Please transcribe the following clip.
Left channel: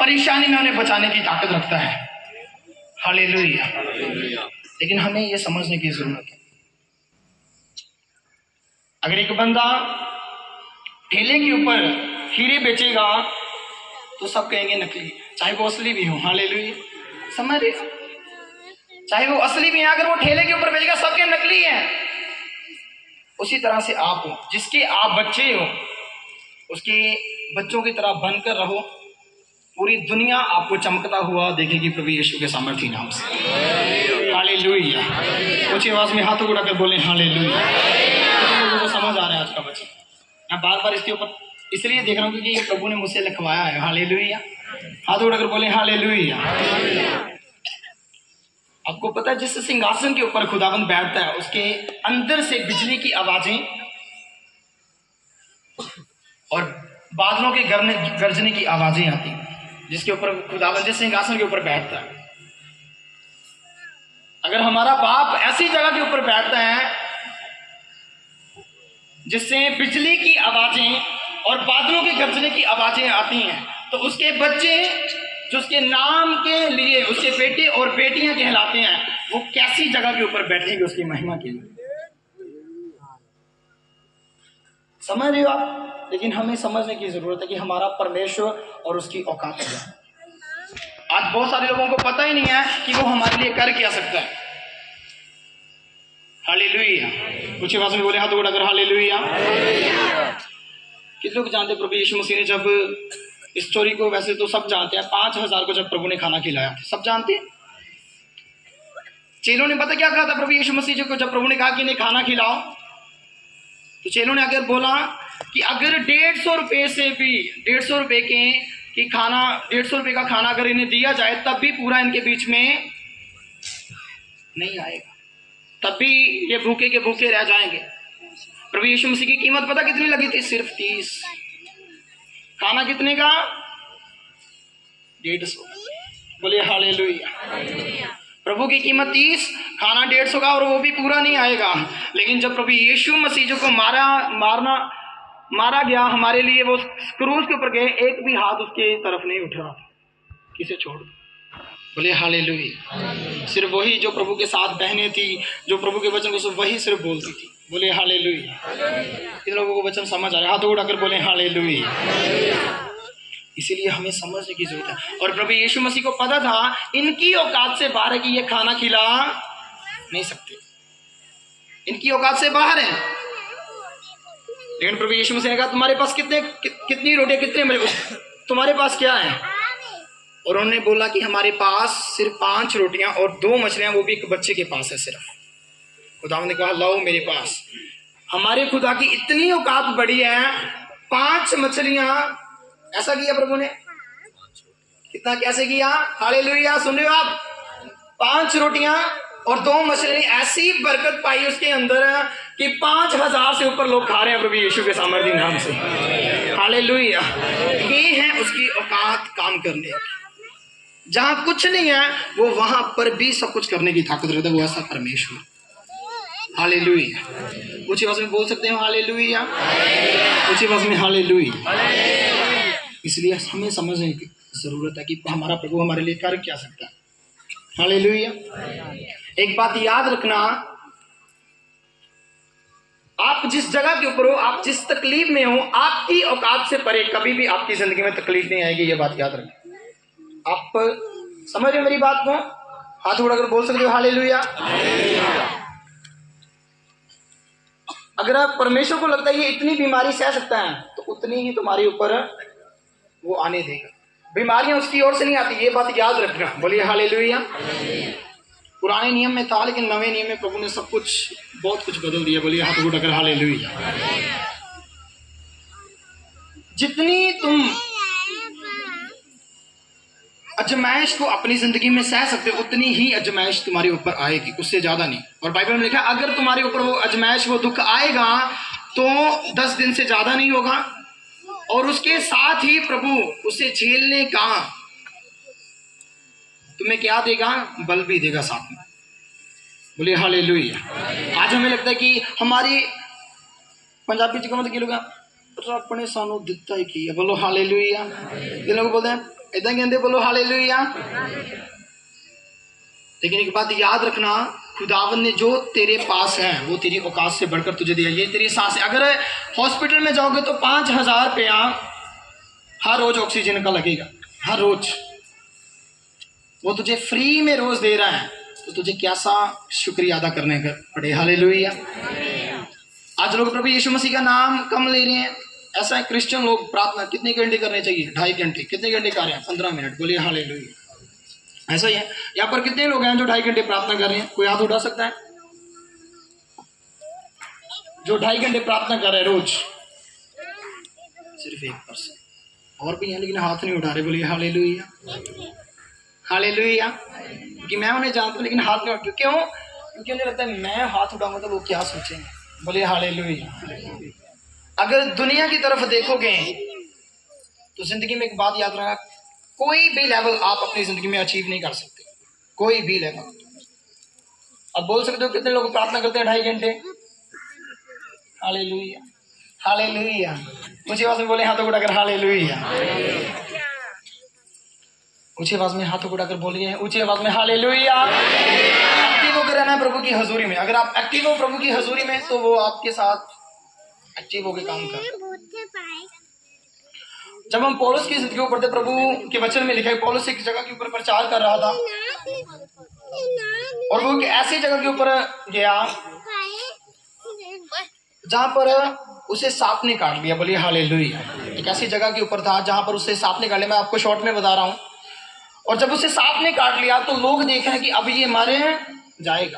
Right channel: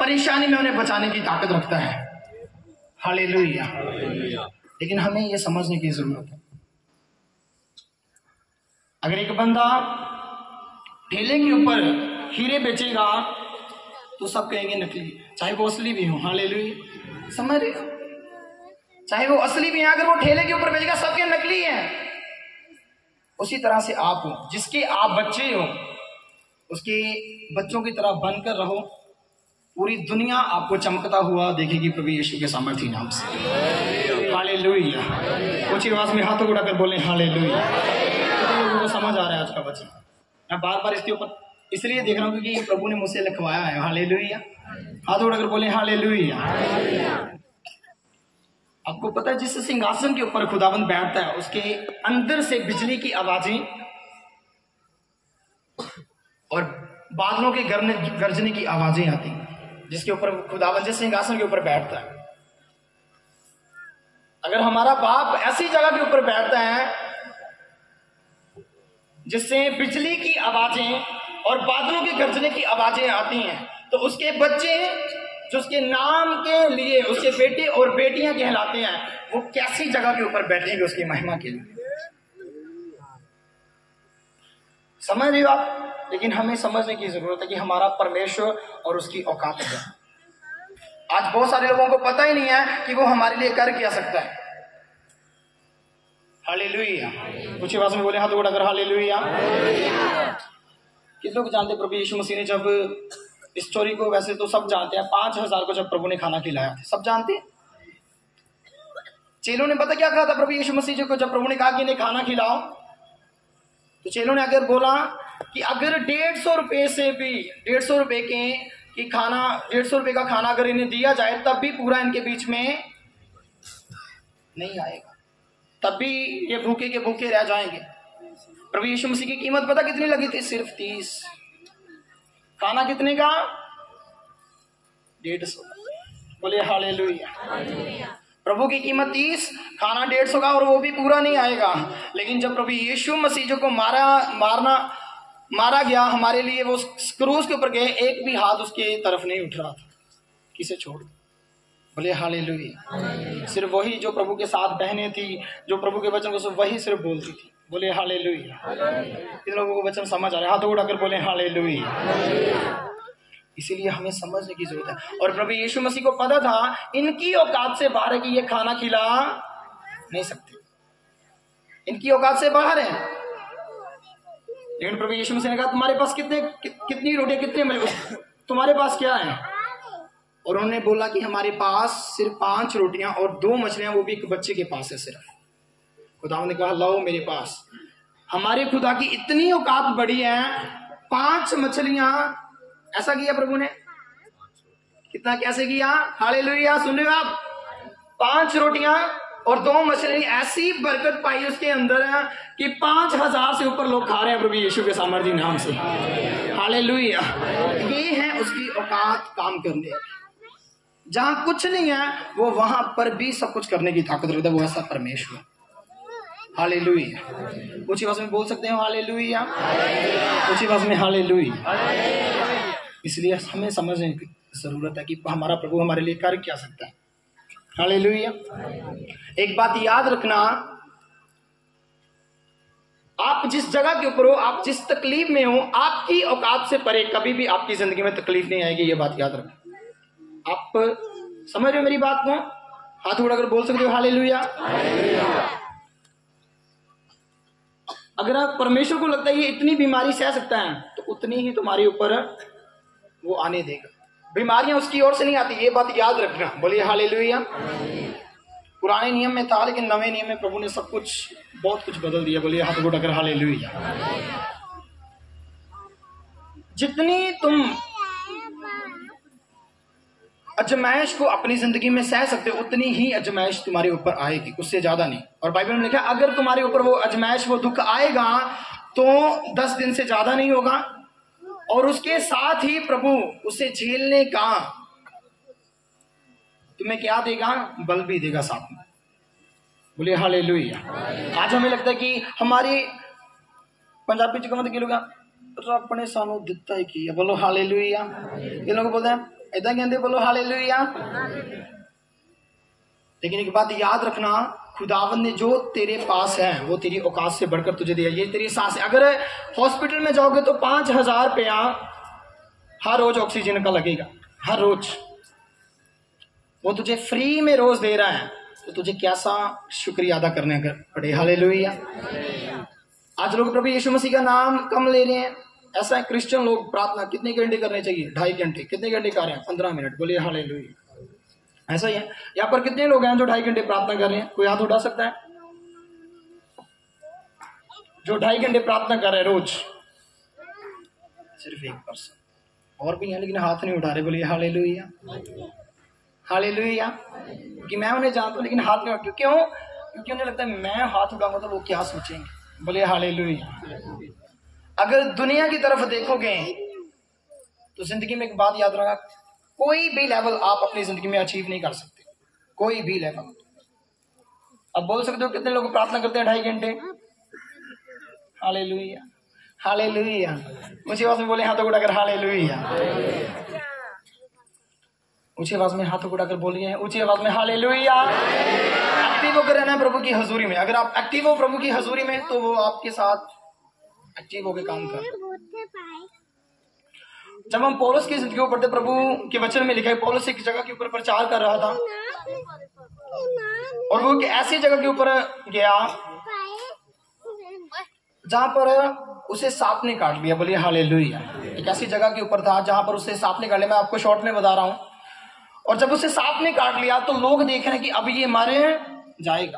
परेशानी में उन्हें बचाने की ताकत रखता है। हालेलुया। लेकिन हमें यह समझने की जरूरत है, अगर एक बंदा ठेले के ऊपर हीरे बेचेगा तो सब कहेंगे नकली, चाहे वो असली भी हो। हालेलुया। समझ रहे? चाहे वो असली भी है, अगर वो ठेले के ऊपर बेचेगा सबके नकली हैं। उसी तरह से आप हो, जिसके आप बच्चे हो उसके बच्चों की तरह बनकर रहो। पूरी दुनिया आपको चमकता हुआ देखेगी प्रभु यीशु के सामर्थ्य नाम से। हालेलुया। ऊंची आवाज में हाथों उठाकर बोले हालेलुया। तो लोगों को समझ आ रहा है आज का वचन। मैं बार बार इसके ऊपर इसलिए देख रहा हूँ क्योंकि प्रभु ने मुझसे लिखवाया है। हालेलुया। हाथ उठाकर बोले हालेलुया। आपको पता है जिस सिंहासन के ऊपर खुदाबंद बैठता है उसके अंदर से बिजली की आवाजें और बादलों के गरजने की आवाजें आती हैं। जिसके ऊपर खुदाबंद जिस सिंहासन के ऊपर बैठता है, अगर हमारा बाप ऐसी जगह के ऊपर बैठता है जिससे बिजली की आवाजें और बादलों के गरजने की आवाजें आती हैं, तो उसके बच्चे जो उसके नाम के लिए उसके बेटे और बेटियां कहलाते हैं, वो कैसी जगह के ऊपर बैठेंगे उसकी महिमा के लिए। समझ रहे हो आप? लेकिन हमें समझने की जरूरत है कि हमारा परमेश्वर और उसकी औकात है। आज बहुत सारे लोगों को पता ही नहीं है कि वो हमारे लिए कर क्या सकता है। हालेलुया। कुछ आवाज में बोले हाथ उठाकर हालेलुया। कितने लोग जानते प्रभु यीशु मसीह ने जब इस स्टोरी को, वैसे तो सब जानते हैं, 5000 को जब प्रभु ने खाना खिलाया, सब जानते हैं। चेलों ने पता क्या कहा था प्रभु यीशु मसीह को जब प्रभु ने कहा कि इन्हें खाना खिलाओ? तो चेलों ने अगर बोला कि अगर 150 रुपए से भी 150 रुपए की खाना 150 रुपए का खाना अगर इन्हें दिया जाए तब भी पूरा इनके बीच में नहीं आएगा, तब भी ये भूखे के भूखे रह जाएंगे। प्रभु यीशु मसीह की कीमत पता कितनी लगी थी? सिर्फ 30। खाना कितने का? 150। बोले हालेलुया। प्रभु की कीमत 30, खाना 150 का, और वो भी पूरा नहीं आएगा। लेकिन जब प्रभु यीशु मसीह जो को मारा गया हमारे लिए, वो क्रूस के ऊपर गए, एक भी हाथ उसके तरफ नहीं उठ रहा था, किसे छोड़। बोले हालेलुया। सिर्फ वही जो प्रभु के साथ बहनें थी, जो प्रभु के वचन को सिर्फ वही सिर्फ बोलती थी। बोले हालेलुया। इन लोगों को वचन समझ आ रहा है? हाथ उठाकर बोले हालेलुया। इसीलिए हमें समझने की जरूरत है। और प्रभु यीशु मसीह को पता था इनकी औकात से बाहर है कि ये खाना खिला नहीं सकते, इनकी औकात से बाहर है। लेकिन प्रभु यीशु मसीह ने कहा तुम्हारे पास कितनी रोटियां, कितने मजे, तुम्हारे पास क्या है? और उन्होंने बोला कि हमारे पास सिर्फ 5 रोटियां और 2 मछलियां, वो भी एक बच्चे के पास है सिर्फ। खुदा ने कहा लाओ मेरे पास। हमारे खुदा की इतनी औकात बड़ी है, 5 मछलियां, ऐसा किया प्रभु ने। कितना कैसे किया? हालेलुया। सुन रहे हो आप? 5 रोटियां और 2 मछली, ऐसी बरकत पाई उसके अंदर कि 5000 से ऊपर लोग खा रहे हैं प्रभु यीशु के सामर्थ्य नाम से। हालेलुया। ये है उसकी औकात काम करने की। जहां कुछ नहीं है वो वहां पर भी सब कुछ करने की ताकत रखता है, वो ऐसा परमेश्वर। हालेलुया। ऊंची आवाज में बोल सकते हो हालेलुया। ऊंची आवाज में हालेलुया। इसलिए हमें समझने की जरूरत है कि हमारा प्रभु हमारे लिए कर क्या सकता है। हालेलुया। एक बात याद रखना, आप जिस जगह के ऊपर हो, आप जिस तकलीफ में हो, आपकी औकात से परे कभी भी आपकी जिंदगी में तकलीफ नहीं आएगी। ये बात याद रखना। आप समझ रहे हो मेरी बात को? हाथ उठाकर बोल सकते हो हालेलुया। अगर आप परमेश्वर को लगता है ये इतनी बीमारी सह सकता है, तो उतनी ही तुम्हारे ऊपर वो आने देगा। बीमारियां उसकी ओर से नहीं आती, ये बात याद रखना। बोलिए हालेलुया। पुराने नियम में था, लेकिन नवे नियम में प्रभु ने सब कुछ, बहुत कुछ बदल दिया। बोलिए हाथ उठाकर हालेलुया। जितनी तुम अजमाइश को अपनी जिंदगी में सह सकते हो, उतनी ही अजमाइश तुम्हारे ऊपर आएगी, उससे ज्यादा नहीं। और बाइबल में लिखा अगर तुम्हारे ऊपर वो अजमाइश, वो दुख आएगा तो 10 दिन से ज्यादा नहीं होगा, और उसके साथ ही प्रभु उसे झेलने का तुम्हें क्या देगा? बल भी देगा साथ में। बोलिए हालेलुया। आज हमें लगता है कि हमारी पंजाबी च कहते कि लोग अपने सानू दिता ही की। बोलो हालेलुया। ये लोग बोलते हैं इदा कहते बोलो हालेलुया। लेकिन एक बात याद रखना, खुदावन ने जो तेरे पास है वो तेरी औकात से बढ़कर तुझे दिया। ये तेरी सांस है। अगर हॉस्पिटल में जाओगे तो 5,000 रुपया हर रोज ऑक्सीजन का लगेगा, हर रोज। वो तुझे फ्री में रोज दे रहा है, तो तुझे कैसा शुक्रिया अदा करने का पड़े। हालेलुया। आज लोग प्रभु यीशु मसीह का नाम कम ले रहे हैं। ऐसा है, क्रिश्चियन लोग प्रार्थना कितने घंटे करने चाहिए? 2.5 घंटे। कितने घंटे कर रहे हैं? 15 मिनट। बोलिए हालेलुया। ऐसा ही है। यहाँ पर कितने लोग हैं जो 2.5 घंटे प्रार्थना कर रहे हैं? कोई हाथ उठा सकता है जो 2.5 घंटे प्रार्थना कर रहे हैं रोज? सिर्फ 1%। और भी हैं लेकिन हाथ नहीं उठा रहे। बोलिए हालेलुया, हालेलुया। कि मैं उन्हें जानता हूँ लेकिन हाथ नहीं उठा। क्यों? क्योंकि उन्हें लगता है मैं हाथ उठाऊंगा तो लोग क्या सोचेंगे। बोलिए हालेलुया। अगर दुनिया की तरफ देखोगे तो जिंदगी में एक बात याद रखना, कोई भी लेवल आप अपनी जिंदगी में अचीव नहीं कर सकते, कोई भी लेवल। अब बोल सकते हो कितने लोग प्रार्थना करते हैं 2.5 घंटे? Hallelujah, hallelujah. ऊंची आवाज में बोले हाथों को उठाकर हालेलुया। ऊंची आवाज में हाथों को उठाकर बोलिए ऊंची आवाज में हालेलुया। एक्टिव होकर रहना है प्रभु की हजूरी में। अगर आप एक्टिव हो प्रभु की हजूरी में तो वो आपके साथ एक्टिव होकर काम कर। जब हम पौलुस की जिंदगी को पढ़ते, प्रभु के वचन में लिखा है पौलुस एक जगह के ऊपर प्रचार कर रहा था और वो एक ऐसी जगह के ऊपर गया जहां पर उसे सांप ने काट लिया। बोलिए हालेलुया। एक ऐसी जगह के ऊपर था जहां पर उसे सांप ने काट लिया। मैं आपको शॉर्ट में बता रहा हूं। और जब उसे सांप ने काट लिया तो लोग देख रहे हैं कि अब ये मर जाएगा।